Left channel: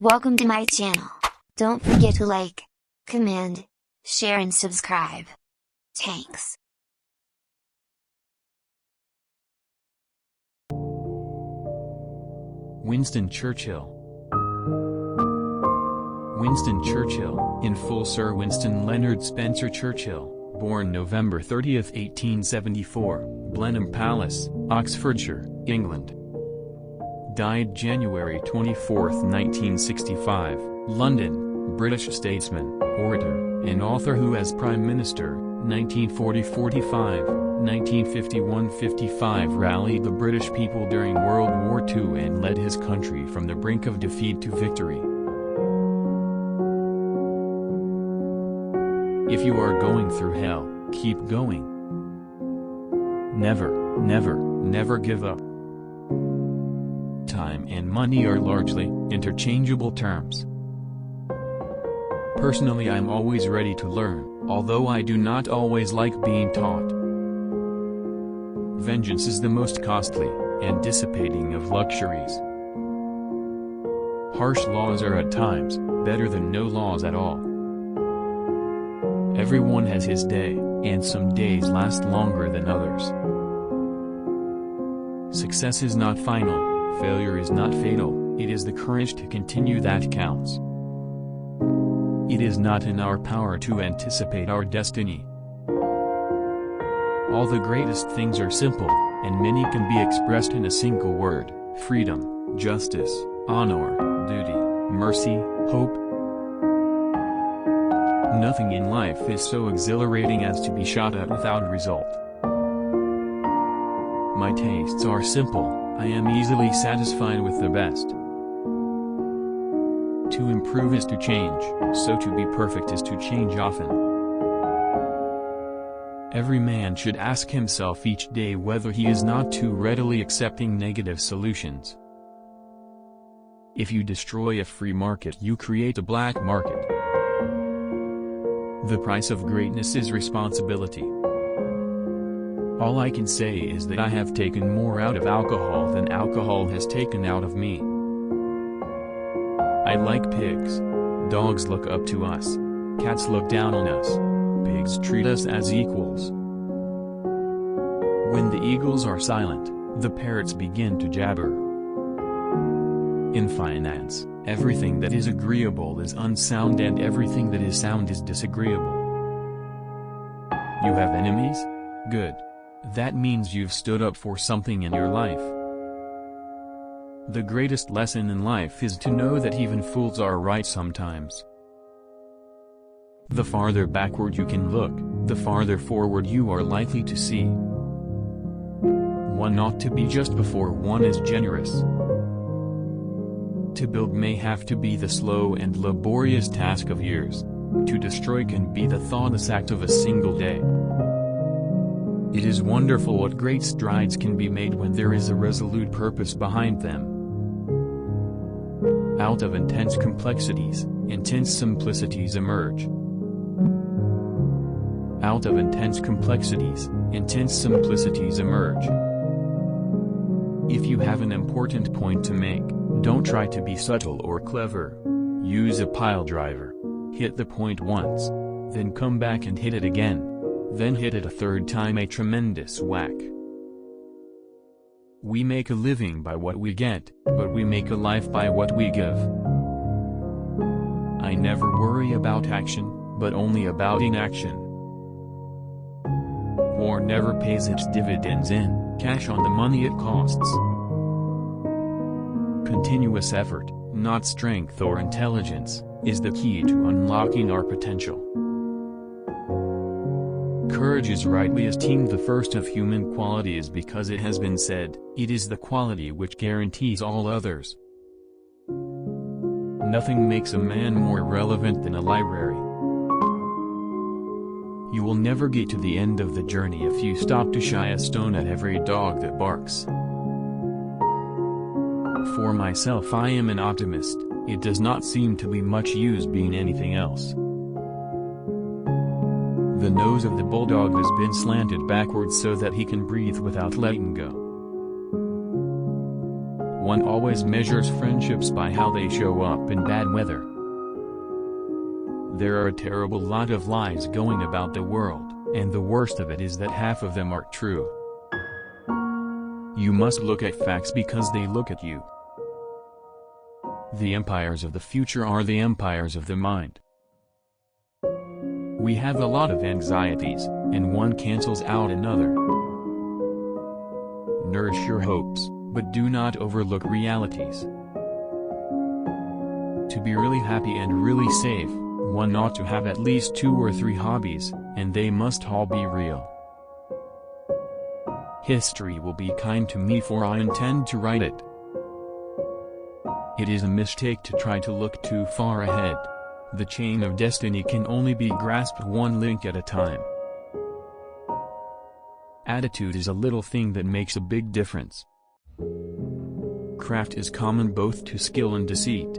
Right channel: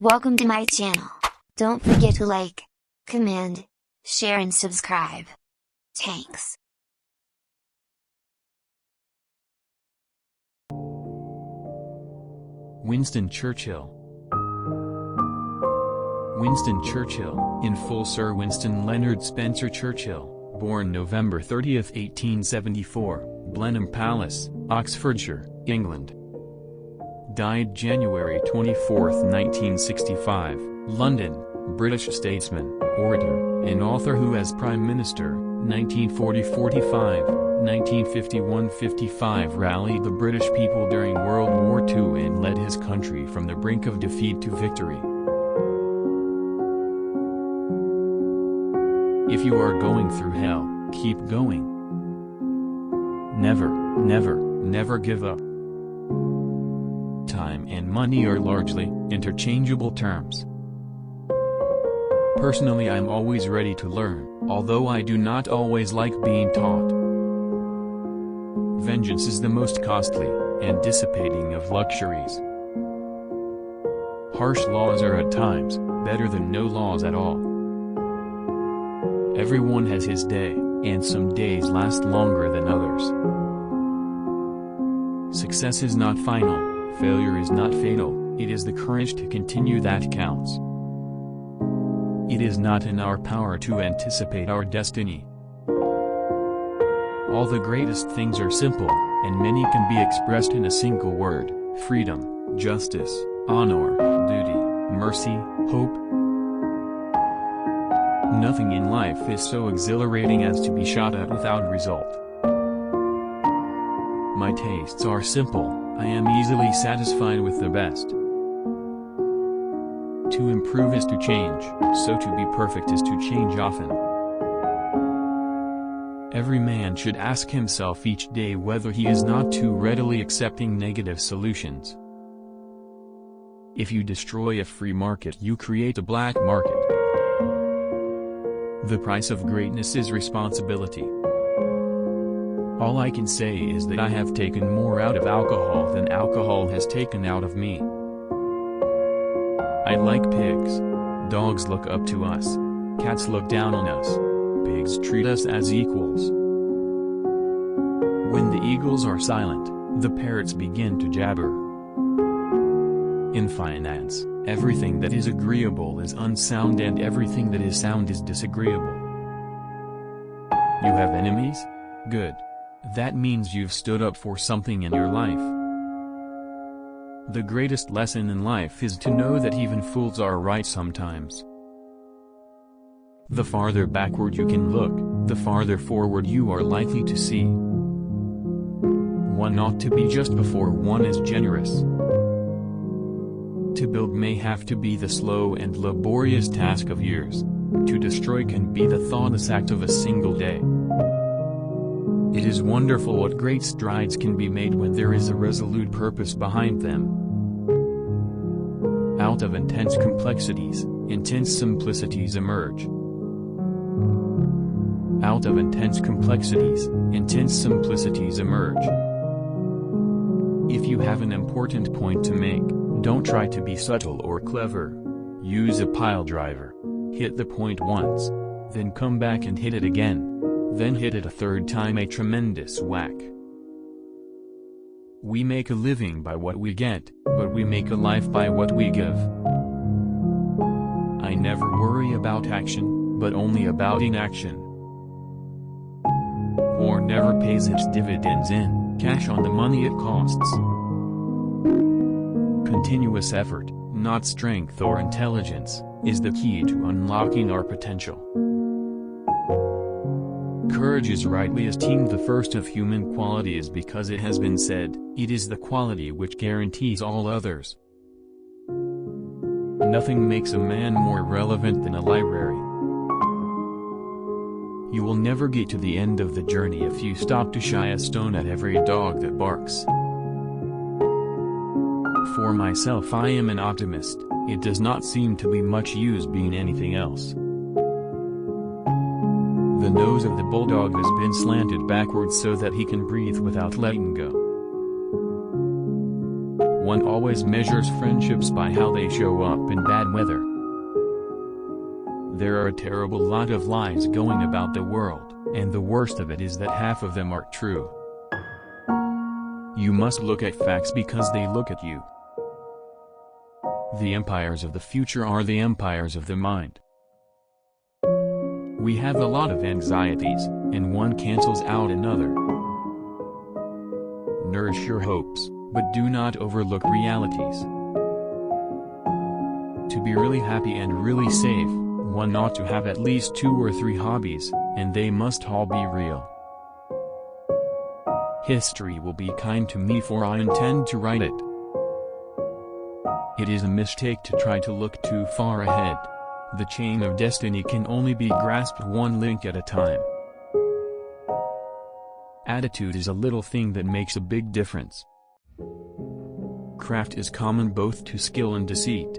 Welcome to my channel. Don't forget to like, comment, share and subscribe. Thanks. Winston Churchill. Winston Churchill, in full Sir Winston Leonard Spencer Churchill, born November 30, 1874, Blenheim Palace, Oxfordshire, England. Died January 24, 1965, London, British statesman, orator, and author who as Prime Minister, 1940–45, 1951–55 rallied the British people during World War II and led his country from the brink of defeat to victory. If you are going through hell, keep going. Never, never, never give up. Time and money are largely interchangeable terms. Personally, I'm always ready to learn, although I do not always like being taught. Vengeance is the most costly and dissipating of luxuries. Harsh laws are at times better than no laws at all. Everyone has his day, and some days last longer than others. Success is not final. Failure is not fatal, it is the courage to continue that counts. It is not in our power to anticipate our destiny. All the greatest things are simple, and many can be expressed in a single word: freedom, justice, honor, duty, mercy, hope. Nothing in life is so exhilarating as to be shot at without result. My tastes are simple. I am easily satisfied with the best. To improve is to change, so to be perfect is to change often. Every man should ask himself each day whether he is not too readily accepting negative solutions. If you destroy a free market, you create a black market. The price of greatness is responsibility. All I can say is that I have taken more out of alcohol than alcohol has taken out of me. I like pigs. Dogs look up to us. Cats look down on us. Pigs treat us as equals. When the eagles are silent, the parrots begin to jabber. In finance, everything that is agreeable is unsound and everything that is sound is disagreeable. You have enemies? Good. That means you've stood up for something in your life. The greatest lesson in life is to know that even fools are right sometimes. The farther backward you can look, the farther forward you are likely to see. One ought to be just before one is generous. To build may have to be the slow and laborious task of years. To destroy can be the thoughtless act of a single day. It is wonderful what great strides can be made when there is a resolute purpose behind them. Out of intense complexities, intense simplicities emerge. Out of intense complexities, intense simplicities emerge. If you have an important point to make, don't try to be subtle or clever. Use a pile driver. Hit the point once. Then come back and hit it again. Then hit it a third time, a tremendous whack. We make a living by what we get, but we make a life by what we give. I never worry about action, but only about inaction. War never pays its dividends in cash on the money it costs. Continuous effort, not strength or intelligence, is the key to unlocking our potential. Courage is rightly esteemed the first of human qualities because it has been said, it is the quality which guarantees all others. Nothing makes a man more relevant than a library. You will never get to the end of the journey if you stop to shy a stone at every dog that barks. For myself, I am an optimist. It does not seem to be much use being anything else. The nose of the bulldog has been slanted backwards so that he can breathe without letting go. One always measures friendships by how they show up in bad weather. There are a terrible lot of lies going about the world, and the worst of it is that half of them are true. You must look at facts because they look at you. The empires of the future are the empires of the mind. We have a lot of anxieties, and one cancels out another. Nourish your hopes, but do not overlook realities. To be really happy and really safe, one ought to have at least 2 or 3 hobbies, and they must all be real. History will be kind to me for I intend to write it. It is a mistake to try to look too far ahead. The chain of destiny can only be grasped one link at a time. Attitude is a little thing that makes a big difference. Craft is common both to skill and deceit.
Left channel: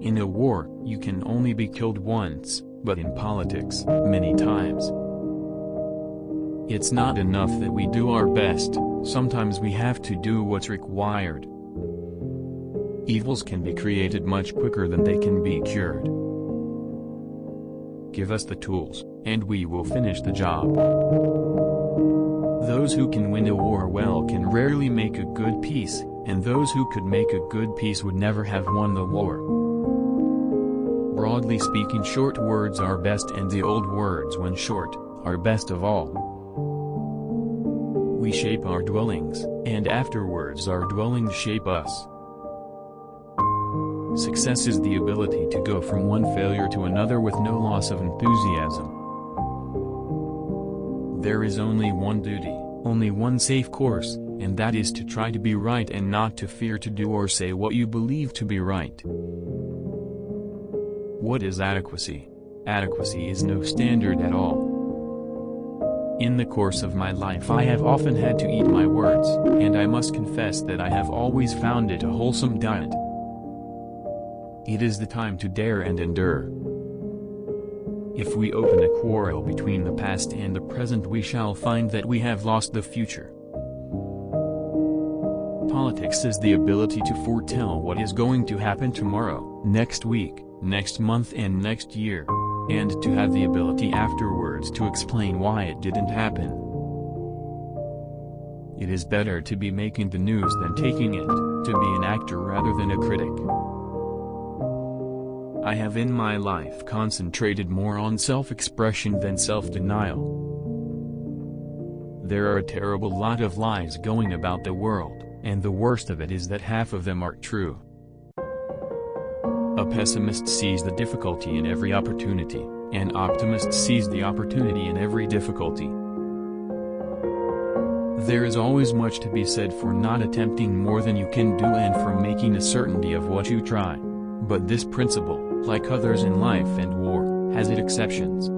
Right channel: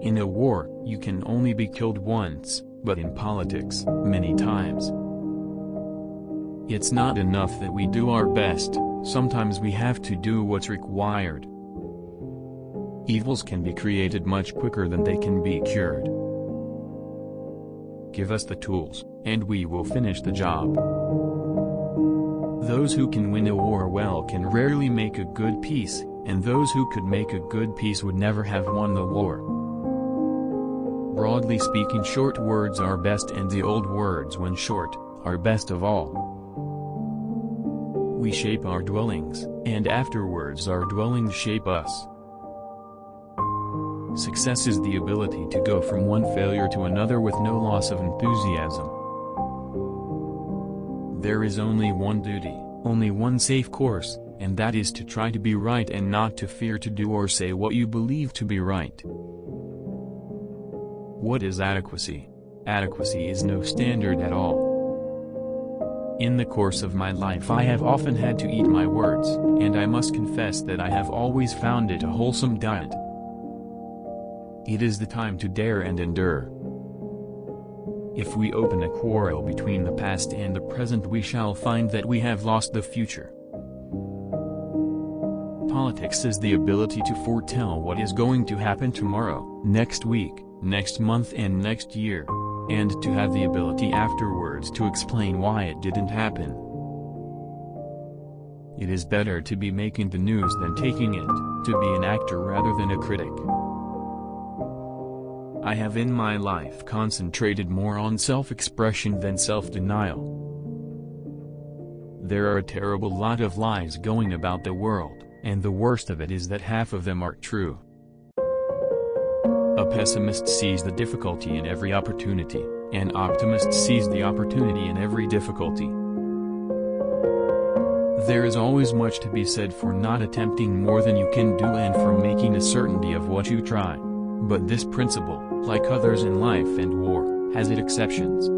In a war, you can only be killed once, but in politics, many times. It's not enough that we do our best, sometimes we have to do what's required. Evils can be created much quicker than they can be cured. Give us the tools, and we will finish the job. Those who can win a war well can rarely make a good peace, and those who could make a good peace would never have won the war. Broadly speaking, short words are best, and the old words, when short, are best of all. We shape our dwellings, and afterwards our dwellings shape us. Success is the ability to go from one failure to another with no loss of enthusiasm. There is only one duty, only one safe course, and that is to try to be right and not to fear to do or say what you believe to be right. What is adequacy? Adequacy is no standard at all. In the course of my life I have often had to eat my words, and I must confess that I have always found it a wholesome diet. It is the time to dare and endure. If we open a quarrel between the past and the present, we shall find that we have lost the future. Politics is the ability to foretell what is going to happen tomorrow, next week, next month and next year, and to have the ability afterwards to explain why it didn't happen. It is better to be making the news than taking it, to be an actor rather than a critic. I have in my life concentrated more on self-expression than self-denial. There are a terrible lot of lies going about the world, and the worst of it is that half of them are true. A pessimist sees the difficulty in every opportunity, an optimist sees the opportunity in every difficulty. There is always much to be said for not attempting more than you can do and for making a certainty of what you try. But this principle, like others in life and war, has its exceptions.